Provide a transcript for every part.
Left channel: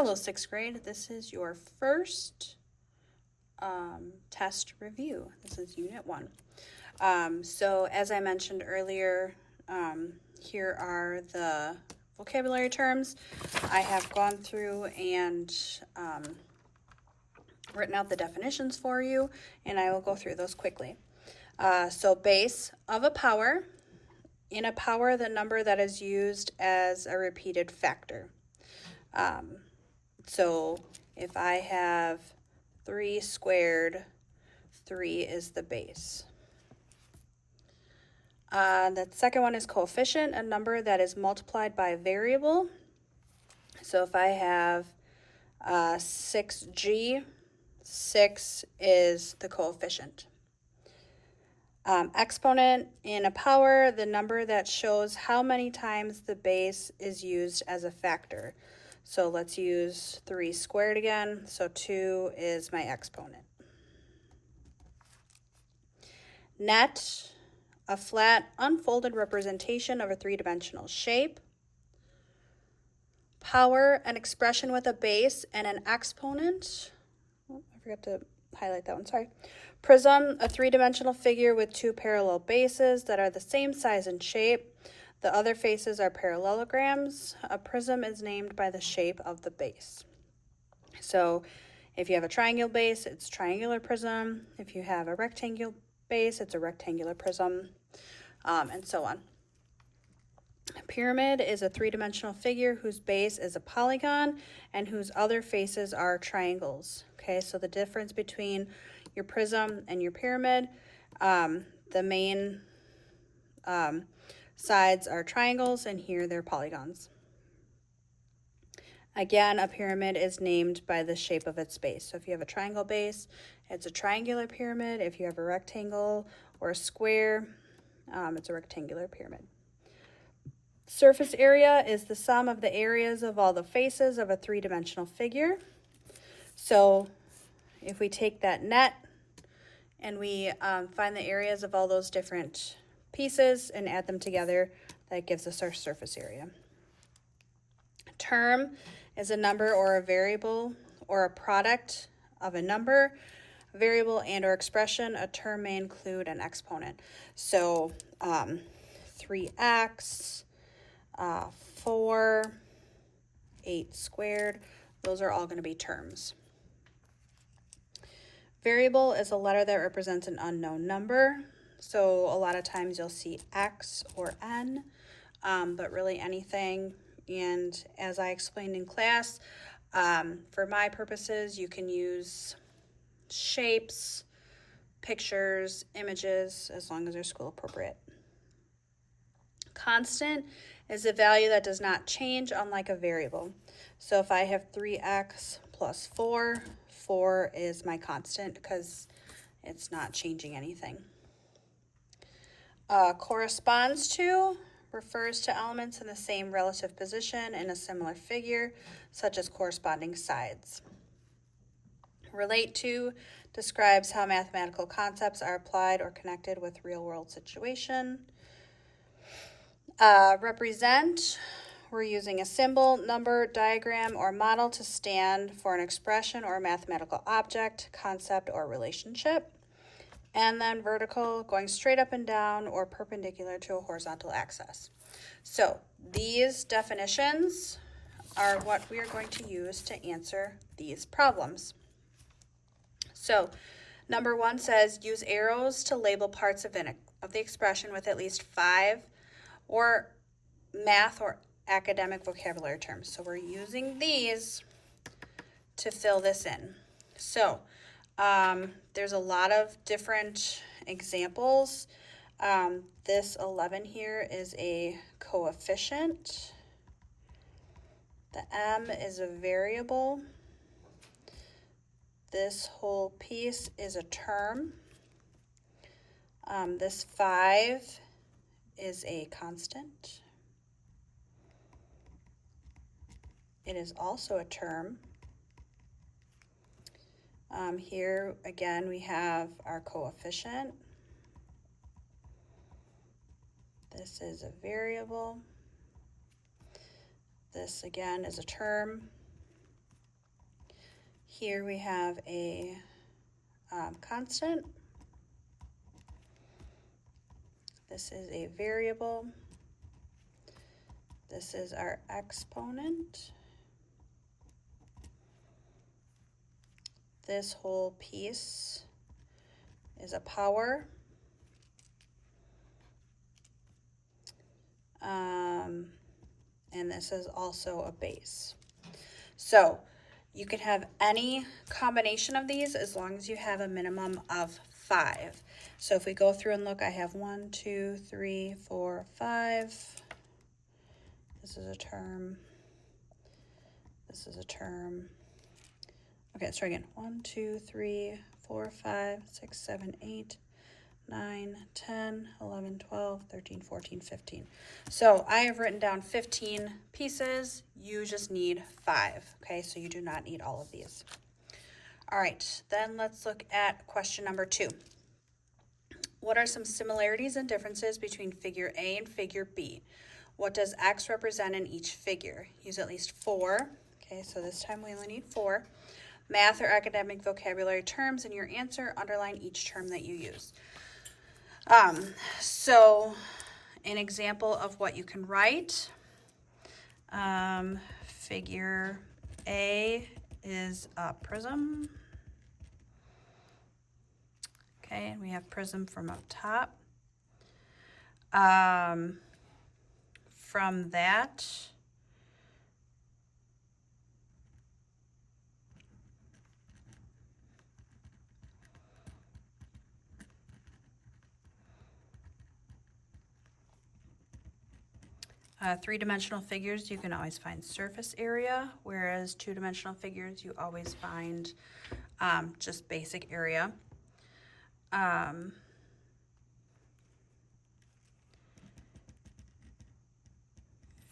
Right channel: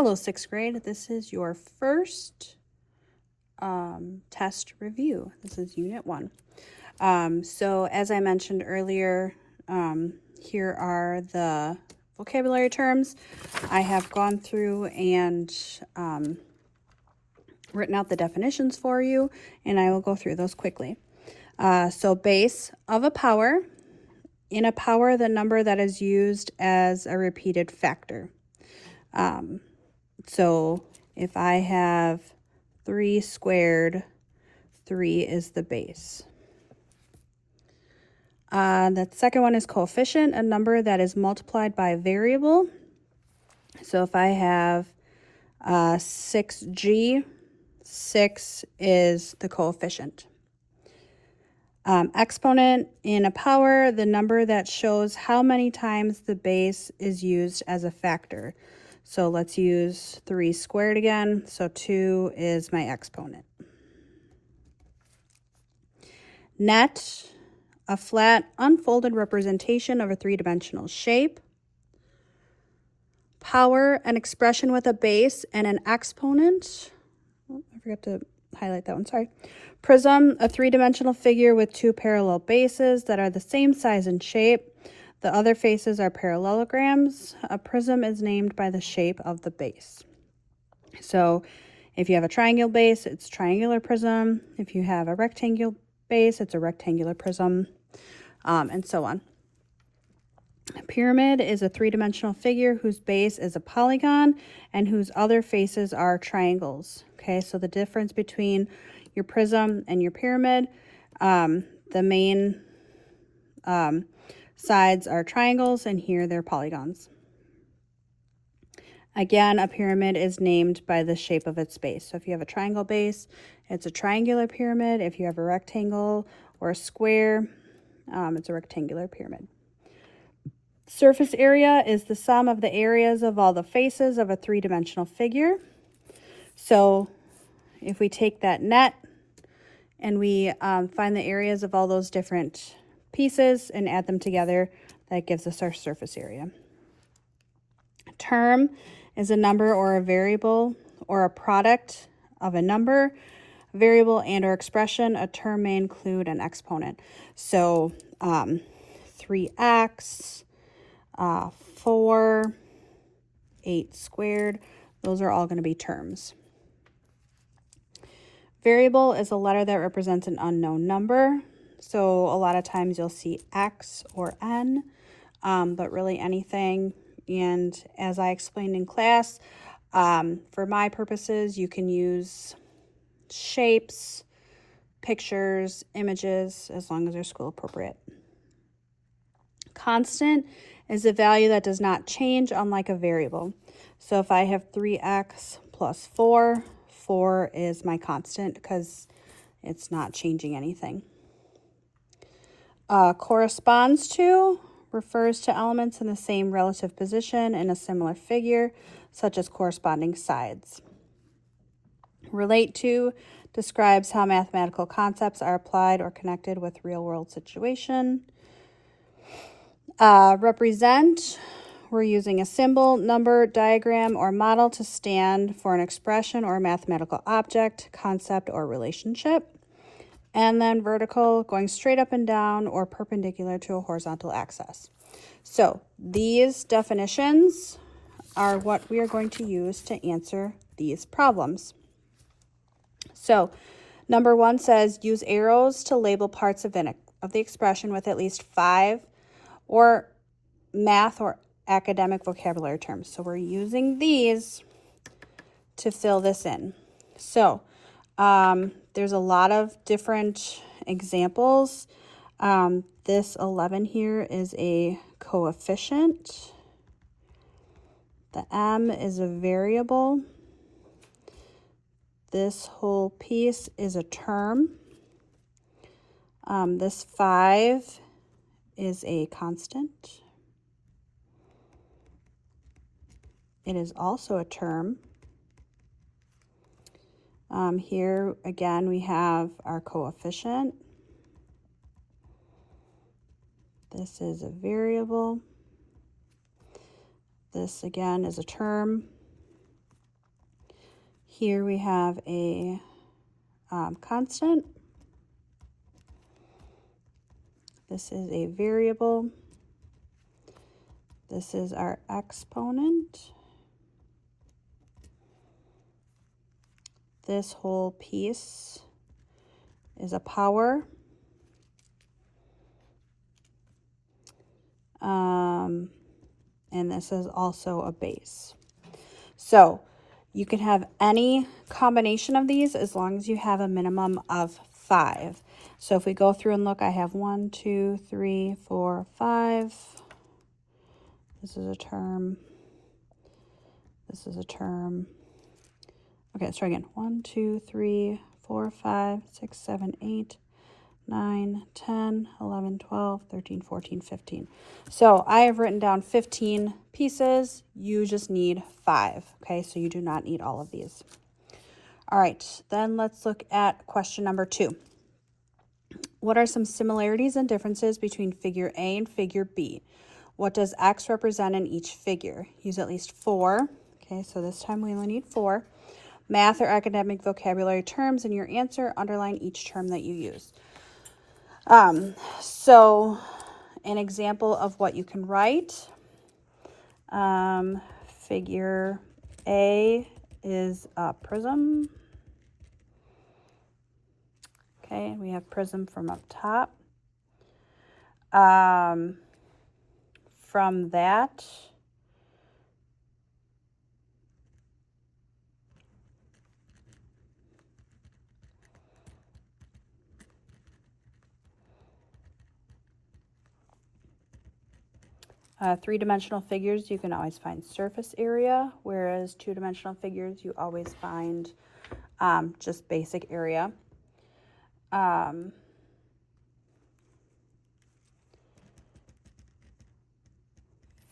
Hello, sixth grade. This is your first test review. This is Unit 1. So as I mentioned earlier, here are the vocabulary terms. I have gone through and written out the definitions for you, and I will go through those quickly. So base of a power. In a power, the number that is used as a repeated factor. So if I have 3 squared, 3 is the base. The second one is coefficient, a number that is multiplied by a variable. So if I have 6g, 6 is the coefficient. Exponent, in a power, the number that shows how many times the base is used as a factor. So let's use 3 squared again. So 2 is my exponent. Net, a flat, unfolded representation of a three-dimensional shape. Power, an expression with a base and an exponent. Oh, I forgot to highlight that one, sorry. Prism, a three-dimensional figure with 2 parallel bases that are the same size and shape. The other faces are parallelograms. A prism is named by the shape of the base. So if you have a triangle base, it's triangular prism. If you have a rectangular base, it's a rectangular prism, and so on. A pyramid is a three-dimensional figure whose base is a polygon and whose other faces are triangles. Okay, so the difference between your prism and your pyramid, the main sides are triangles, and here they're polygons. Again, a pyramid is named by the shape of its base. So if you have a triangle base, it's a triangular pyramid. If you have a rectangle or a square, it's a rectangular pyramid. Surface area is the sum of the areas of all the faces of a three-dimensional figure. So if we take that net and we find the areas of all those different pieces and add them together, that gives us our surface area. Term is a number or a variable or a product of a number, variable, and or expression. A term may include an exponent. So 3x, 4, 8 squared, those are all going to be terms. Variable is a letter that represents an unknown number. So a lot of times you'll see X or N, but really anything. And as I explained in class, for my purposes, you can use shapes, pictures, images, as long as they're school appropriate. Constant is a value that does not change, unlike a variable. So if I have 3x plus 4, 4 is my constant because it's not changing anything. Corresponds to refers to elements in the same relative position in a similar figure, such as corresponding sides. Relate to describes how mathematical concepts are applied or connected with real-world situation. Represent, we're using a symbol, number, diagram, or model to stand for an expression or mathematical object, concept, or relationship. And then vertical, going straight up and down or perpendicular to a horizontal axis. So these definitions are what we are going to use to answer these problems. So number 1 says use arrows to label parts of the expression with at least 5 or math or academic vocabulary terms. So we're using these to fill this in. So there's a lot of different examples. This 11 here is a coefficient. The m is a variable. This whole piece is a term. This 5 is a constant. It is also a term. Here again we have our coefficient. This is a variable. This again is a term. Here we have a constant. This is a variable. This is our exponent. This whole piece is a power. And this is also a base. So you can have any combination of these as long as you have a minimum of 5. So if we go through and look, I have 1, 2, 3, 4, 5. This is a term. This is a term. Okay, let's try again. 1, 2, 3, 4, 5, 6, 7, 8, 9, 10, 11, 12, 13, 14, 15. So I have written down 15 pieces. You just need 5, okay? So you do not need all of these. All right, then let's look at question number 2. What are some similarities and differences between figure A and figure B? What does X represent in each figure? Use at least 4. Okay, so this time we only need 4. Math or academic vocabulary terms in your answer. Underline each term that you use. So an example of what you can write, figure A is a prism. Okay, we have prism from up top. From that, three-dimensional figures, you can always find surface area, whereas two-dimensional figures, you always find just basic area.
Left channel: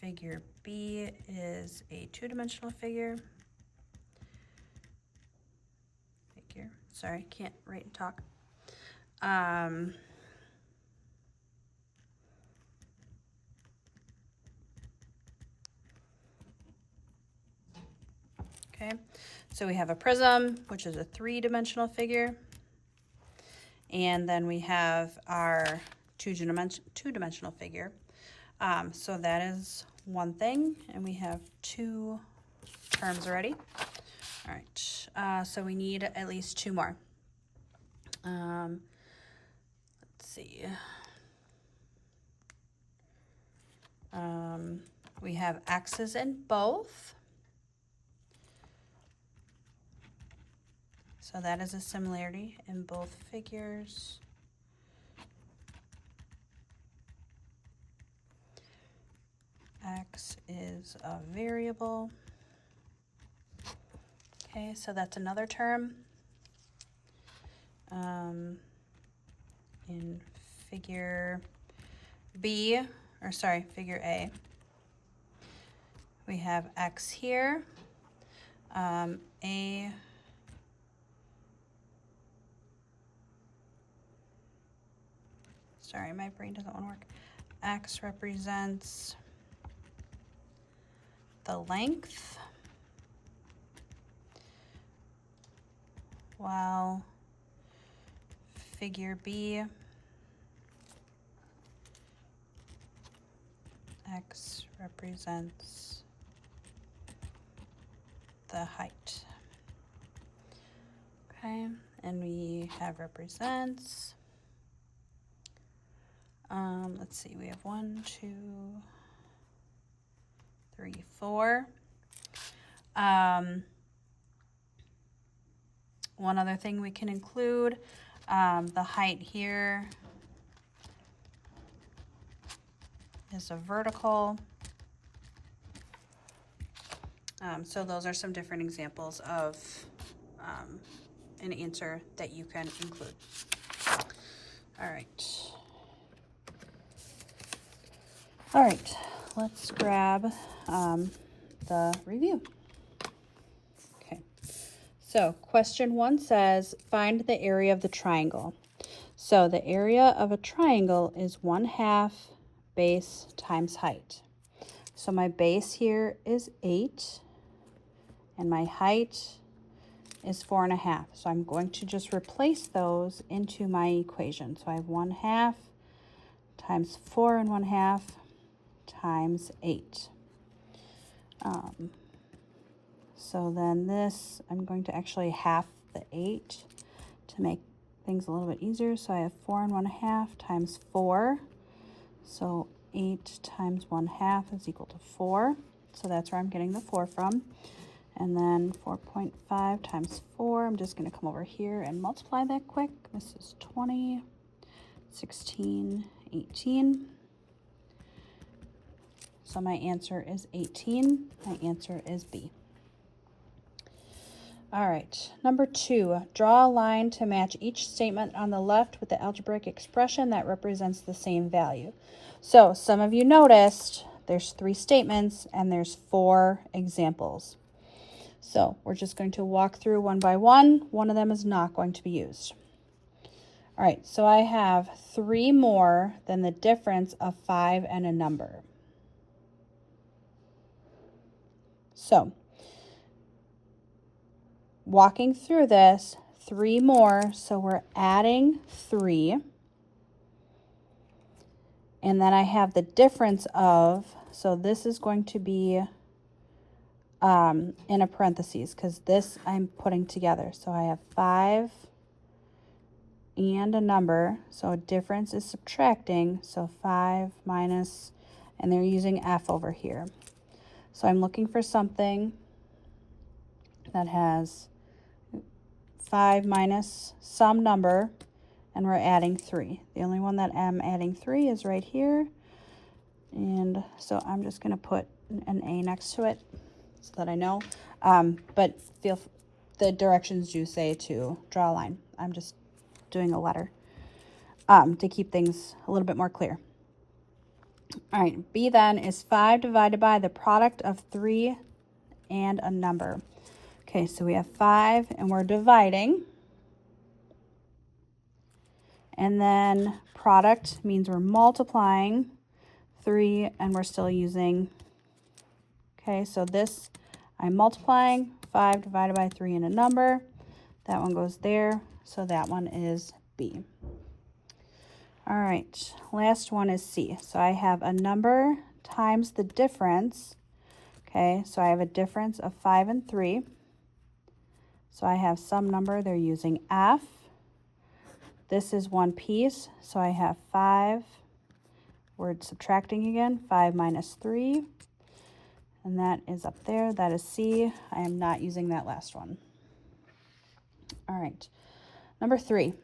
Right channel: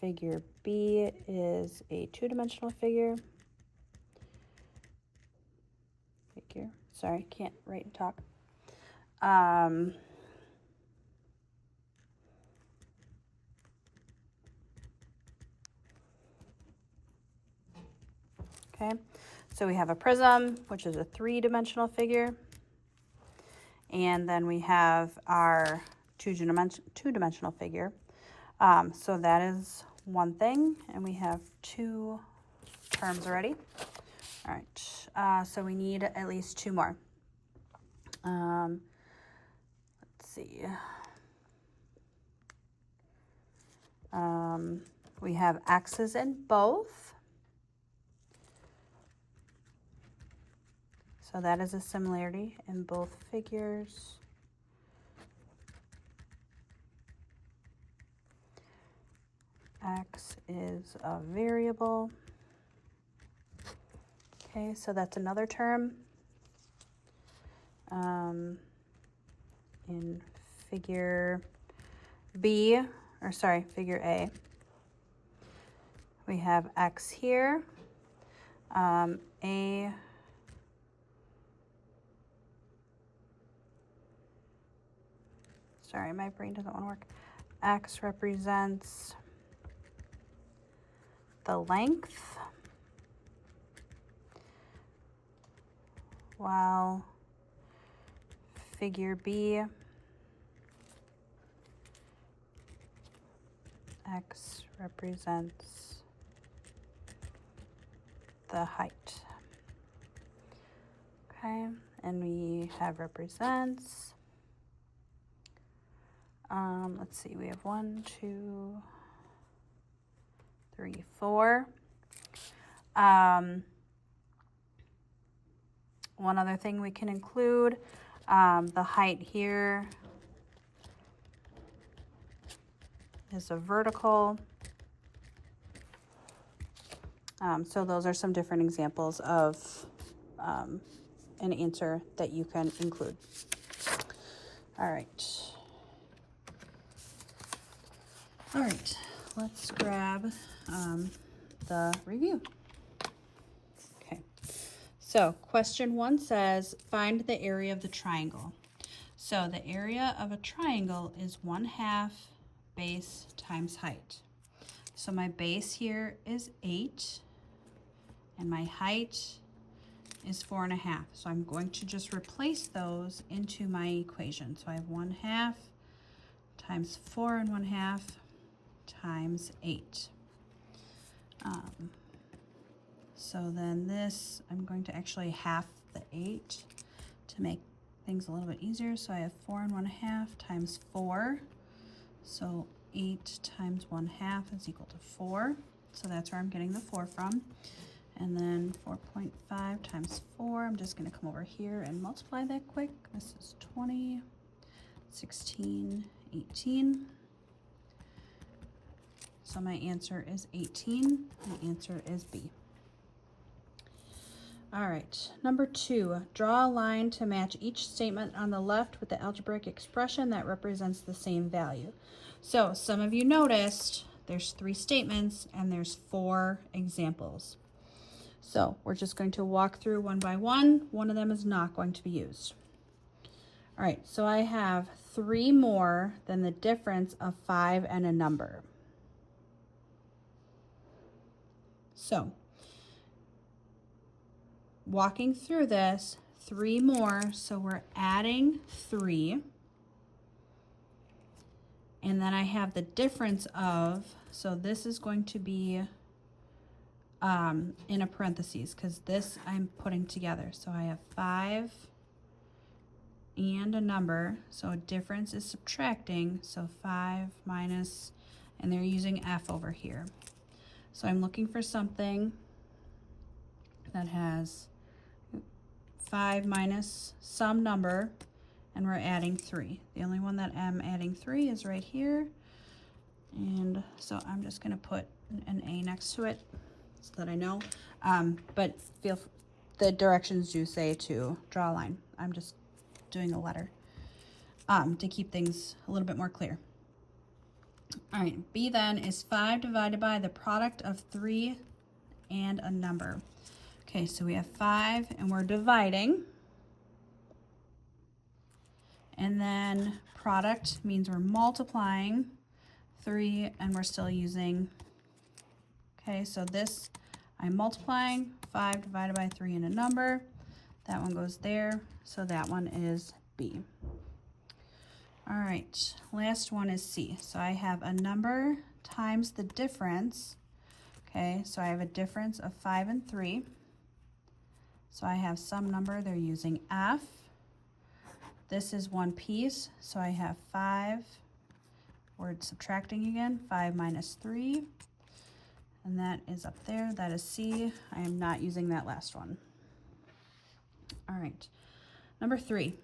Figure B is a two-dimensional figure. Sorry, can't write and talk. Okay, so we have a prism, which is a three-dimensional figure. And then we have our two-dimensional figure. So that is one thing, and we have 2 terms already. All right, so we need at least 2 more. Let's see. We have X's in both. So that is a similarity in both figures. X is a variable. Okay, so that's another term. In figure B, or sorry, figure A, we have X here. Sorry, my brain doesn't want to work. X represents the length, while figure B, X represents the height. Okay, and we have represents. Let's see, we have 1, 2, 3, 4. One other thing we can include, the height here is a vertical. So those are some different examples of an answer that you can include. All right, let's grab the review. Okay, so question 1 says, find the area of the triangle. So the area of a triangle is 1/2 base times height. So my base here is 8, and my height is 4.5. So I'm going to just replace those into my equation. So I have 1/2 times 4 1/2 times 8. So then this, I'm going to actually half the 8 to make things a little bit easier. So I have 4 1/2 times 4. So 8 times 1/2 is equal to 4. So that's where I'm getting the 4 from. And then 4.5 times 4, I'm just going to come over here and multiply that quick. This is 20, 16, 18. So my answer is 18. My answer is B. All right, number 2, draw a line to match each statement on the left with the algebraic expression that represents the same value. So some of you noticed there's 3 statements and there's 4 examples. So we're just going to walk through one by one. One of them is not going to be used. All right, so I have 3 more than the difference of 5 and a number. So walking through this, 3 more, so we're adding 3. And then I have the difference of, so this is going to be in a parentheses because this I'm putting together. So I have 5 and a number, so a difference is subtracting, so 5 minus, and they're using F over here. So I'm looking for something that has 5 minus some number, and we're adding 3. The only one that I'm adding 3 is right here, and so I'm just going to put an A next to it so that I know, but the directions do say to draw a line. I'm just doing a letter to keep things a little bit more clear. All right, B then is 5 divided by the product of 3 and a number. Okay, so we have 5 and we're dividing. And then product means we're multiplying 3 and we're still using, okay, so this I'm multiplying 5 divided by 3 and a number. That one goes there, so that one is B. All right, last one is C. So I have a number times the difference. Okay, so I have a difference of 5 and 3. So I have some number, they're using F. This is one piece, so I have 5. We're subtracting again, 5 minus 3. And that is up there, that is C. I am not using that last one. All right, number 3.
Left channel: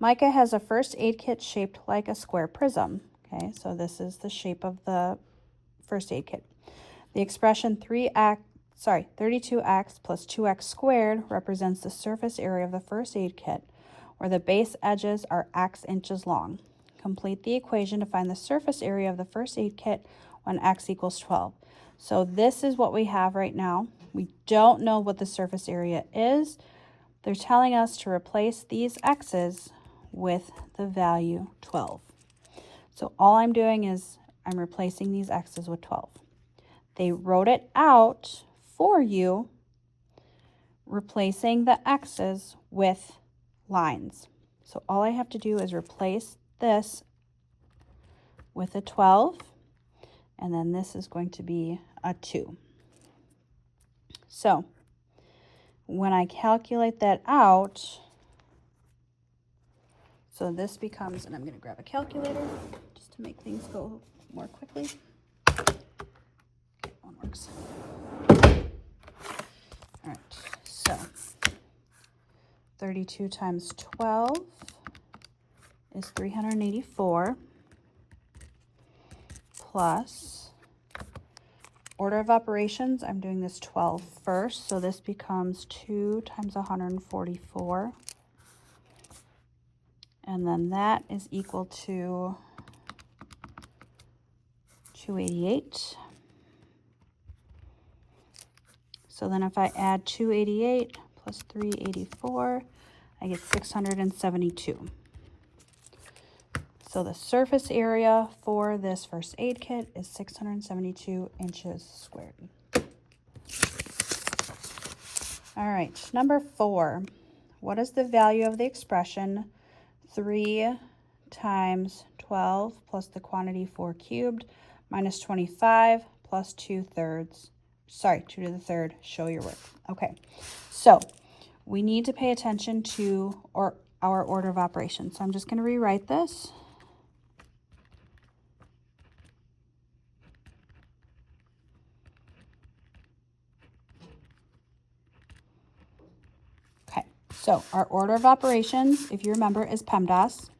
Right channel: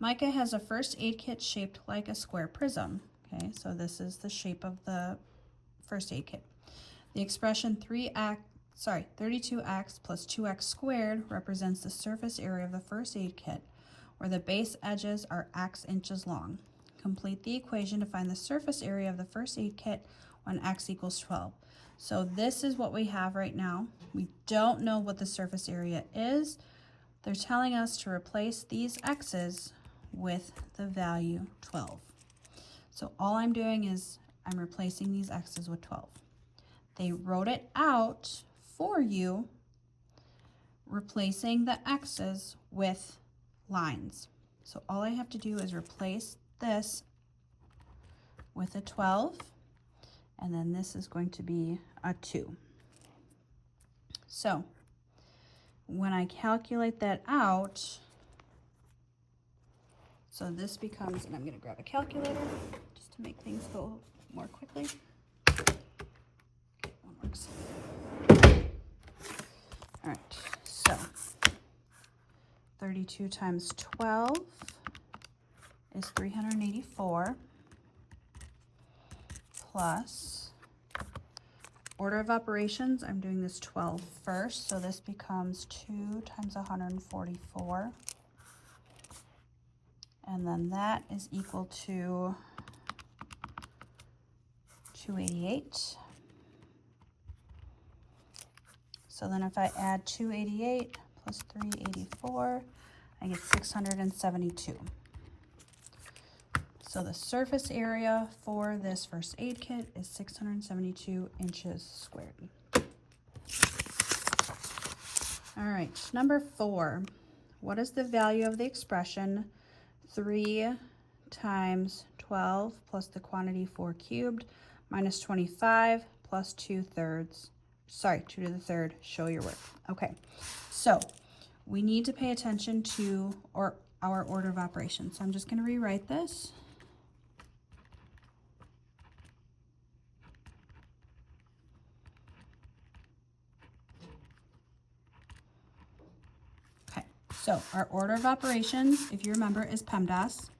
Micah has a first aid kit shaped like a square prism. Okay, so this is the shape of the first aid kit. The expression 32x plus 2x squared represents the surface area of the first aid kit, where the base edges are x inches long. Complete the equation to find the surface area of the first aid kit when x equals 12. So this is what we have right now. We don't know what the surface area is. They're telling us to replace these x's with the value 12. So all I'm doing is I'm replacing these x's with 12. They wrote it out for you, replacing the x's with lines. So all I have to do is replace this with a 12, and then this is going to be a 2. So when I calculate that out, so this becomes, and I'm going to grab a calculator just to make things go more quickly. Okay, one works. All right, so 32 times 12 is 384 plus order of operations. I'm doing this 12 first, so this becomes 2 times 144. And then that is equal to 288. So then if I add 288 plus 384, I get 672. So the surface area for this first aid kit is 672 inches squared. All right, number 4. What is the value of the expression 3 times 12 plus the quantity 4 cubed minus 25 plus 2/3? Sorry, 2 to the third. Show your work. Okay, so we need to pay attention to our order of operations. So I'm just going to rewrite this. Okay, so our order of operations, if you remember, is PEMDAS.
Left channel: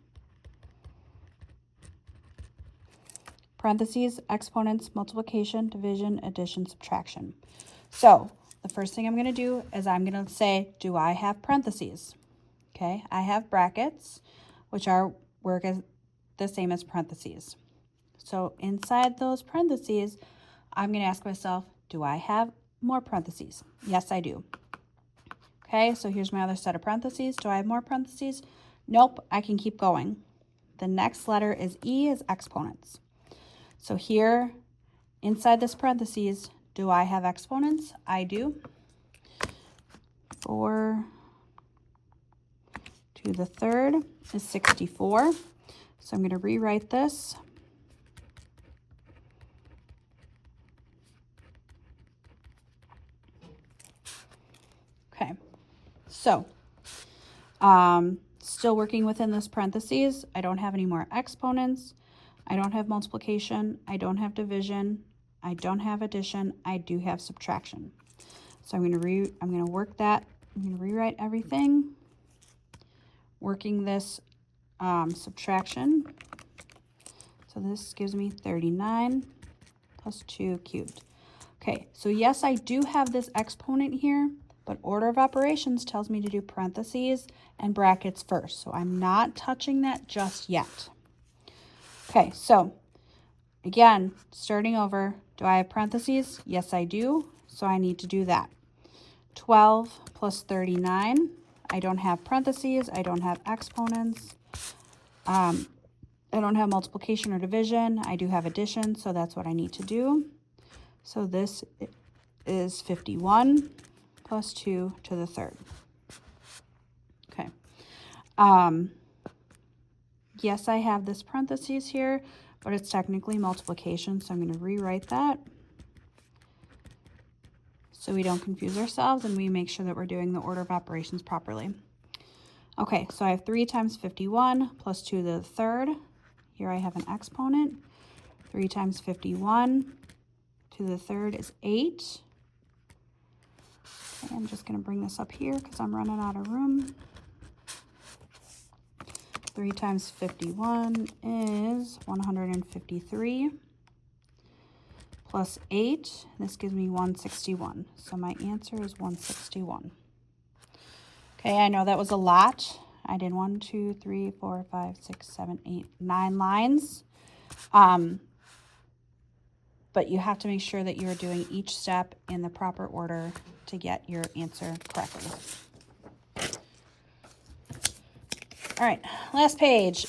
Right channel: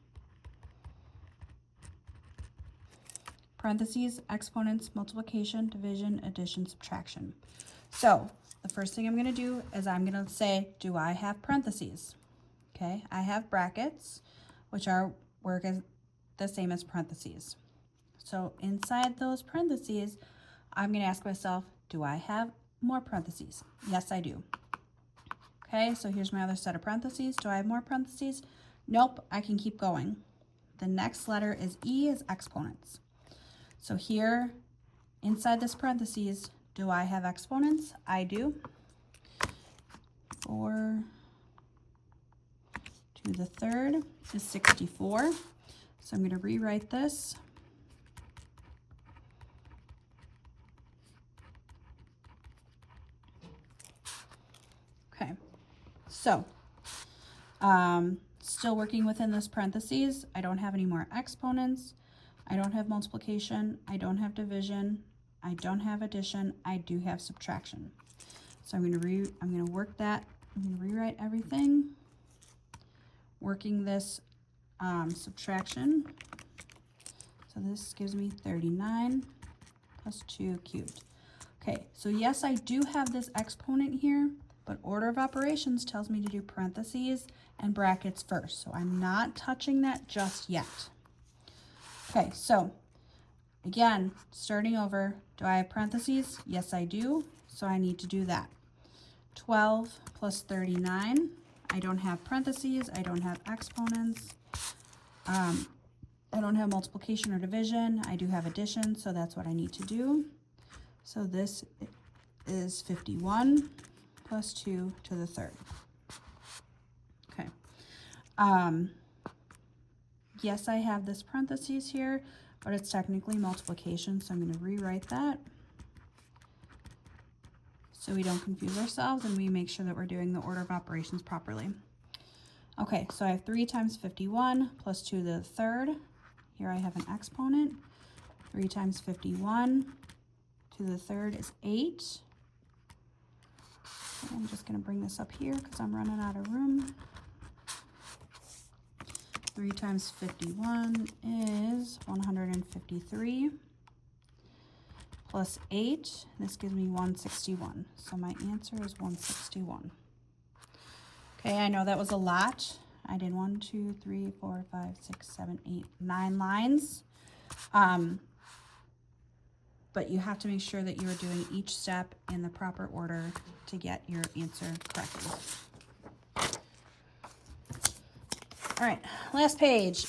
Parentheses, exponents, multiplication, division, addition, subtraction. So the first thing I'm going to do is I'm going to say, do I have parentheses? Okay, I have brackets, which work as the same as parentheses. So inside those parentheses, I'm going to ask myself, do I have more parentheses? Yes, I do. Okay, so here's my other set of parentheses. Do I have more parentheses? Nope, I can keep going. The next letter is E, is exponents. So here, inside this parentheses, do I have exponents? I do. 4 to the third is 64. So I'm going to rewrite this. Okay, so still working within this parentheses. I don't have any more exponents. I don't have multiplication. I don't have division. I don't have addition. I do have subtraction. So I'm going to work that. I'm going to rewrite everything, working this subtraction. So this gives me 39 plus 2 cubed. Okay, so yes, I do have this exponent here, but order of operations tells me to do parentheses and brackets first. So I'm not touching that just yet. Okay, so again, starting over, do I have parentheses? Yes, I do. So I need to do that. 12 plus 39. I don't have parentheses. I don't have exponents. I don't have multiplication or division. I do have addition, so that's what I need to do. So this is 51 plus 2 to the third. Okay. Yes, I have this parentheses here, but it's technically multiplication, so I'm going to rewrite that so we don't confuse ourselves and we make sure that we're doing the order of operations properly. Okay, so I have 3 times 51 plus 2 to the third. Here I have an exponent. 3 times 51 to the third is 8. I'm just going to bring this up here because I'm running out of room. 3 times 51 is 153 plus 8. This gives me 161. So my answer is 161. Okay, I know that was a lot. I did 1, 2, 3, 4, 5, 6, 7, 8, 9 lines. But you have to make sure that you're doing each step in the proper order to get your answer correctly. All right, last page,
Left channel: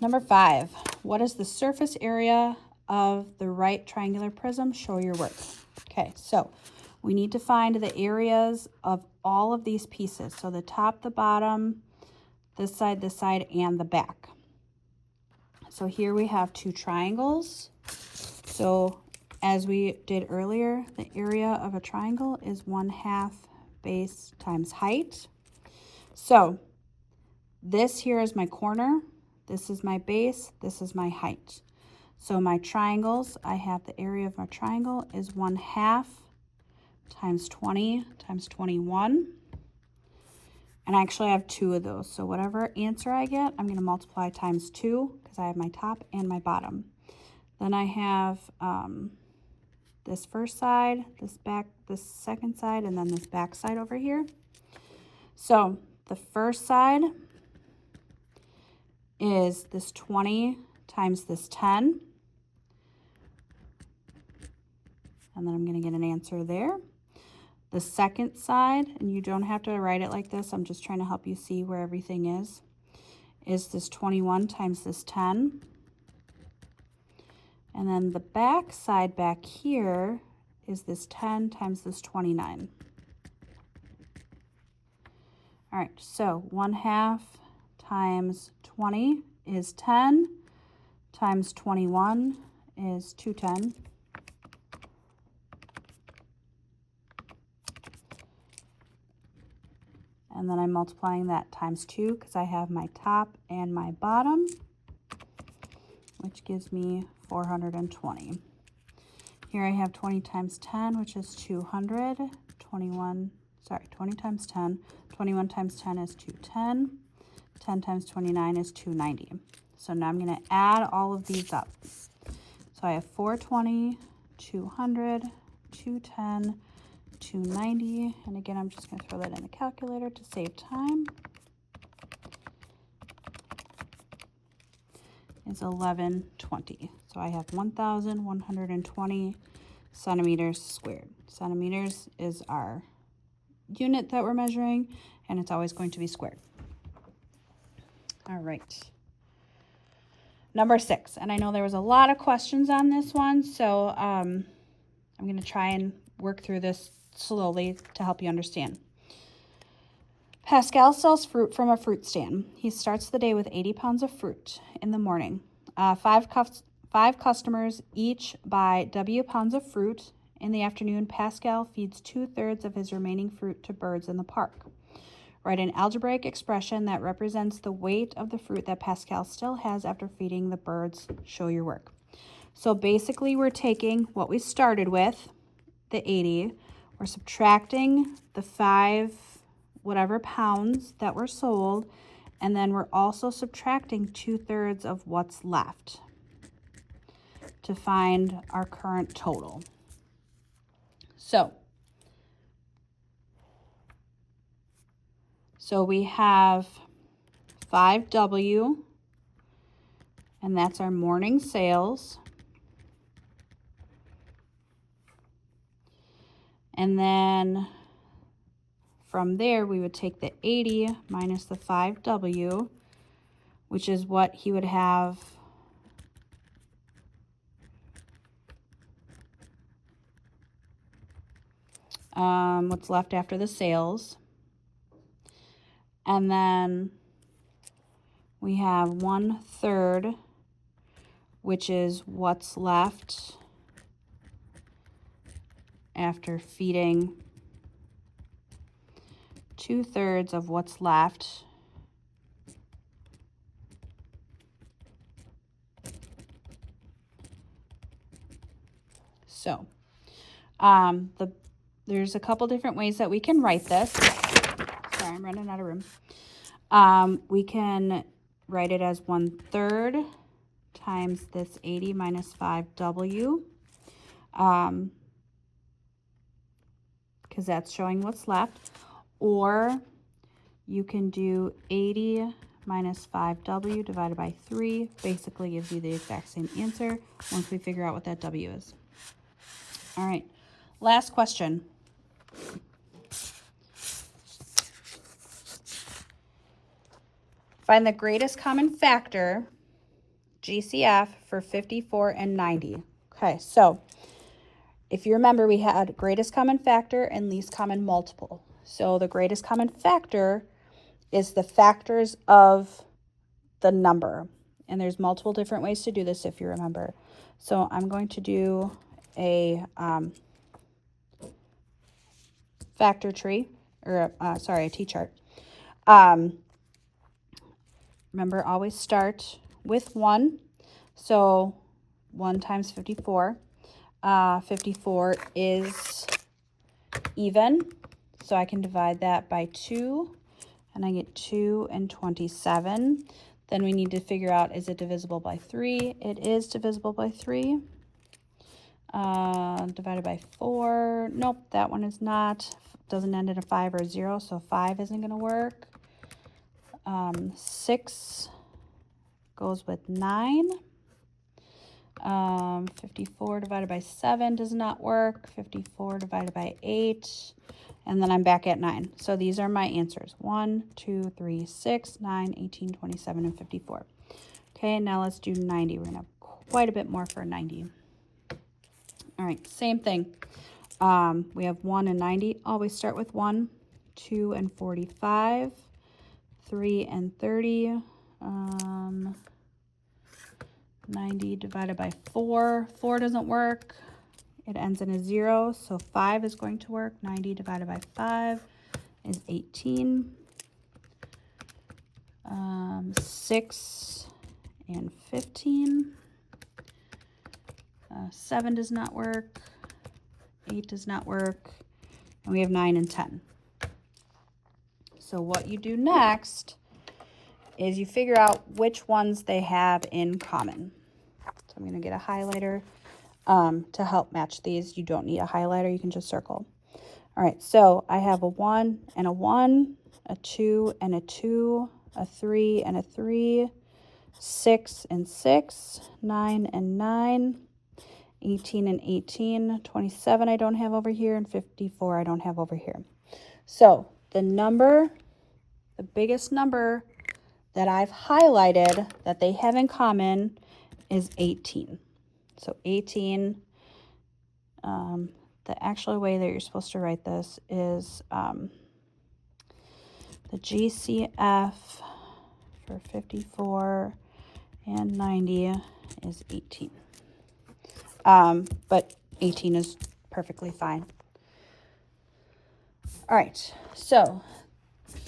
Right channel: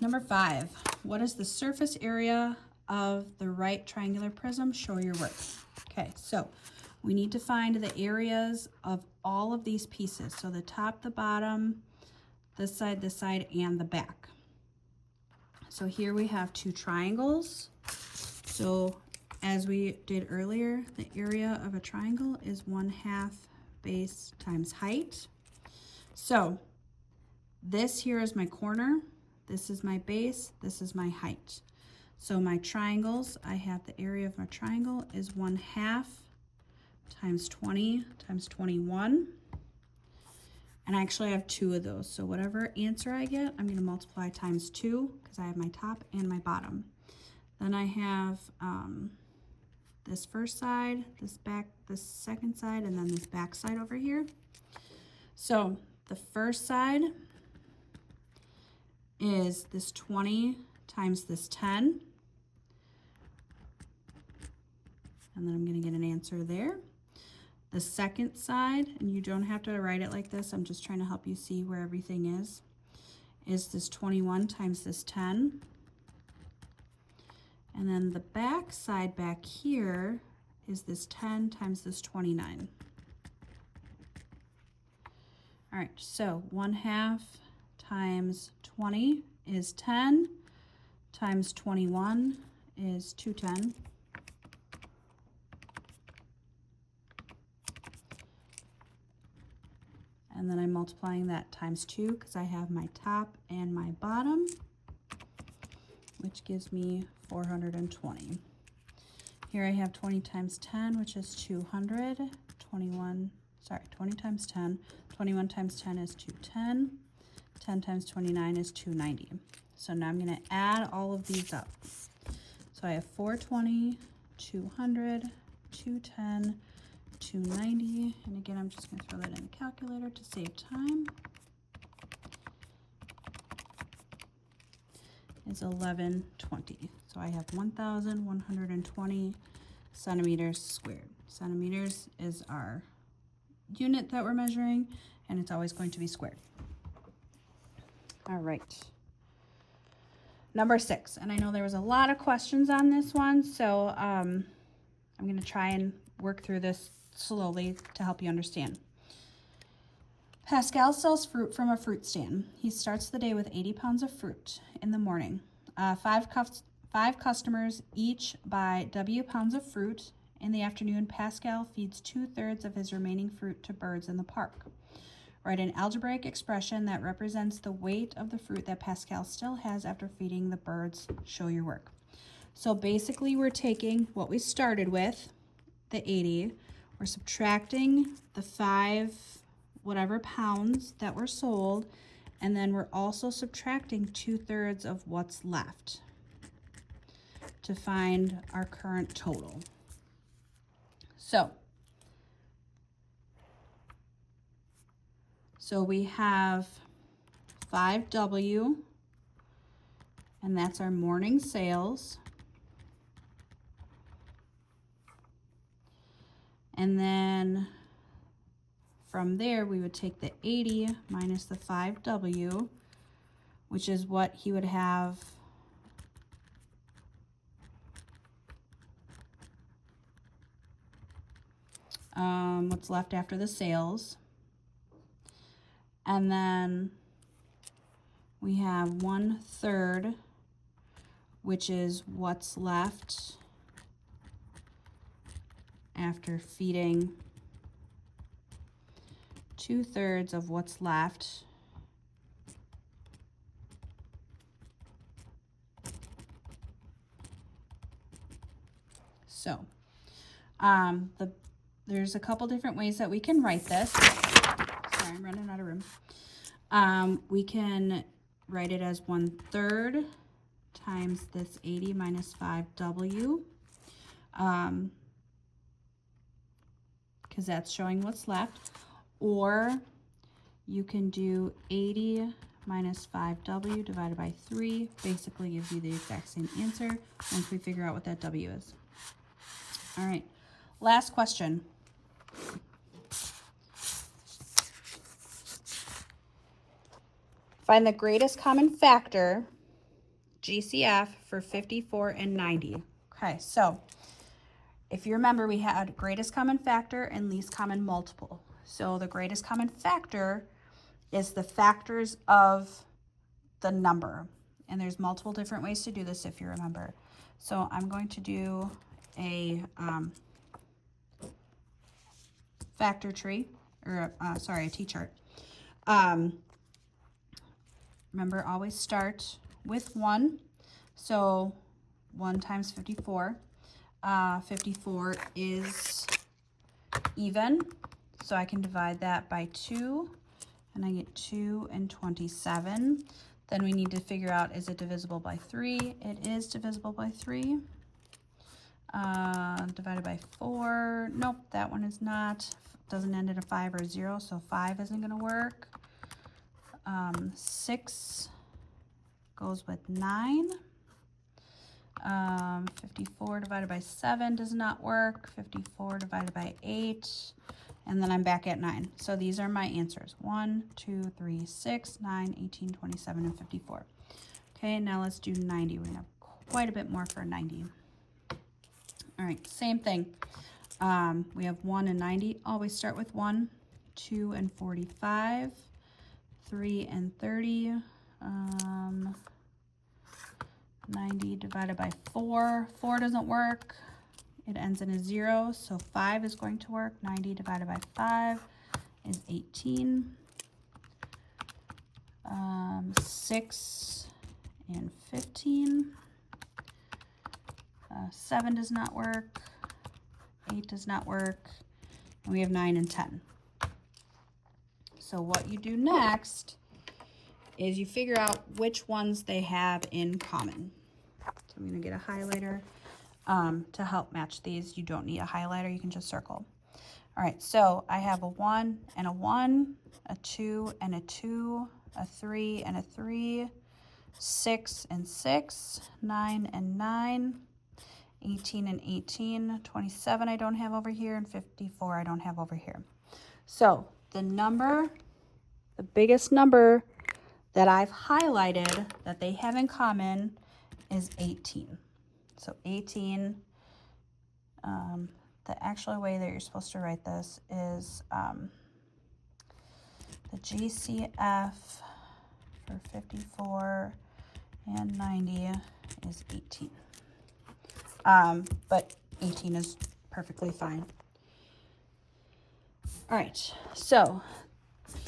number 5. What is the surface area of the right triangular prism? Show your work. Okay, so we need to find the areas of all of these pieces. So the top, the bottom, this side, and the back. So here we have 2 triangles. So as we did earlier, the area of a triangle is 1/2 base times height. So this here is my corner, this is my base, this is my height. So my triangles, I have the area of my triangle is 1/2 times 20 times 21. And I actually have 2 of those. So whatever answer I get, I'm going to multiply times 2 because I have my top and my bottom. Then I have this first side, this second side, and then this back side over here. So the first side is this 20 times this 10. And then I'm going to get an answer there. The second side, and you don't have to write it like this, I'm just trying to help you see where everything is this 21 times this 10. And then the back side back here is this 10 times this 29. All right, so 1/2 times 20 is 10, times 21 is 210. And then I'm multiplying that times 2 because I have my top and my bottom, which gives me 420. Here I have 20 times 10, which is 200. 20 times 10. 21 times 10 is 210. 10 times 29 is 290. So now I'm going to add all of these up. So I have 420, 200, 210, 290, and again, I'm just going to throw that in the calculator to save time. Is 1120. So I have 1,120 centimeters squared. Centimeters is our unit that we're measuring, and it's always going to be squared. All right. Number 6, and I know there was a lot of questions on this one, so I'm going to try and work through this slowly to help you understand. Pascal sells fruit from a fruit stand. He starts the day with 80 pounds of fruit in the morning. Five customers each buy W pounds of fruit. In the afternoon, Pascal feeds 2/3 of his remaining fruit to birds in the park. Write an algebraic expression that represents the weight of the fruit that Pascal still has after feeding the birds. Show your work. So basically, we're taking what we started with, the 80, we're subtracting the 5 whatever pounds that were sold, and then we're also subtracting 2/3 of what's left to find our current total. So we have 5W, and that's our morning sales. And then from there, we would take the 80 minus the 5W, which is what he would have what's left after the sales. And then we have 1/3, which is what's left after feeding 2/3 of what's left. So there's a couple different ways that we can write this. Sorry, I'm running out of room. We can write it as 1/3 times this 80 minus 5W, because that's showing what's left. Or you can do 80 minus 5W divided by 3. Basically gives you the exact same answer once we figure out what that W is. All right, last question. Find the greatest common factor, GCF, for 54 and 90. Okay, so if you remember, we had greatest common factor and least common multiple. So the greatest common factor is the factors of the number. And there's multiple different ways to do this if you remember. So I'm going to do a factor tree, or a T-chart. Remember, always start with 1. So 1 times 54. 54 is even, so I can divide that by 2, and I get 2 and 27. Then we need to figure out, is it divisible by 3? It is divisible by 3. Divided by 4. Nope, that one is not. Doesn't end in a 5 or a 0, so 5 isn't going to work. 6 goes with 9. 54 divided by 7 does not work. 54 divided by 8. And then I'm back at 9. So these are my answers. 1, 2, 3, 6, 9, 18, 27, and 54. Okay, now let's do 90. We're going to have quite a bit more for 90. All right, same thing. We have 1 and 90. Always start with 1. 2 and 45, 3 and 30, 90 divided by 4. 4 doesn't work. It ends in a 0, so 5 is going to work. 90 divided by 5 is 18. 6 and 15. 7 does not work. 8 does not work. And we have 9 and 10. So what you do next is you figure out which ones they have in common. So I'm going to get a highlighter to help match these. You don't need a highlighter. You can just circle. All right, so I have a 1 and a 1, a 2 and a 2, a 3 and a 3, 6 and 6, 9 and 9, 18 and 18, 27 I don't have over here, and 54 I don't have over here. So the biggest number that I've highlighted that they have in common is 18. So 18, the actual way that you're supposed to write this is the GCF for 54 and 90 is 18. But 18 is perfectly fine. All right, so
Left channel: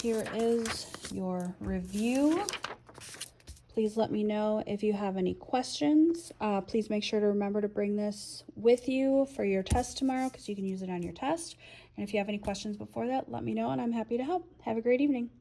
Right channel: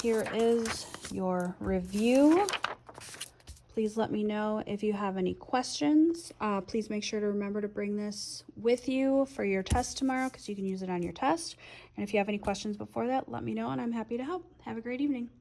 here is your review. Please let me know if you have any questions. Please make sure to remember to bring this with you for your test tomorrow because you can use it on your test. And if you have any questions before that, let me know and I'm happy to help. Have a great evening.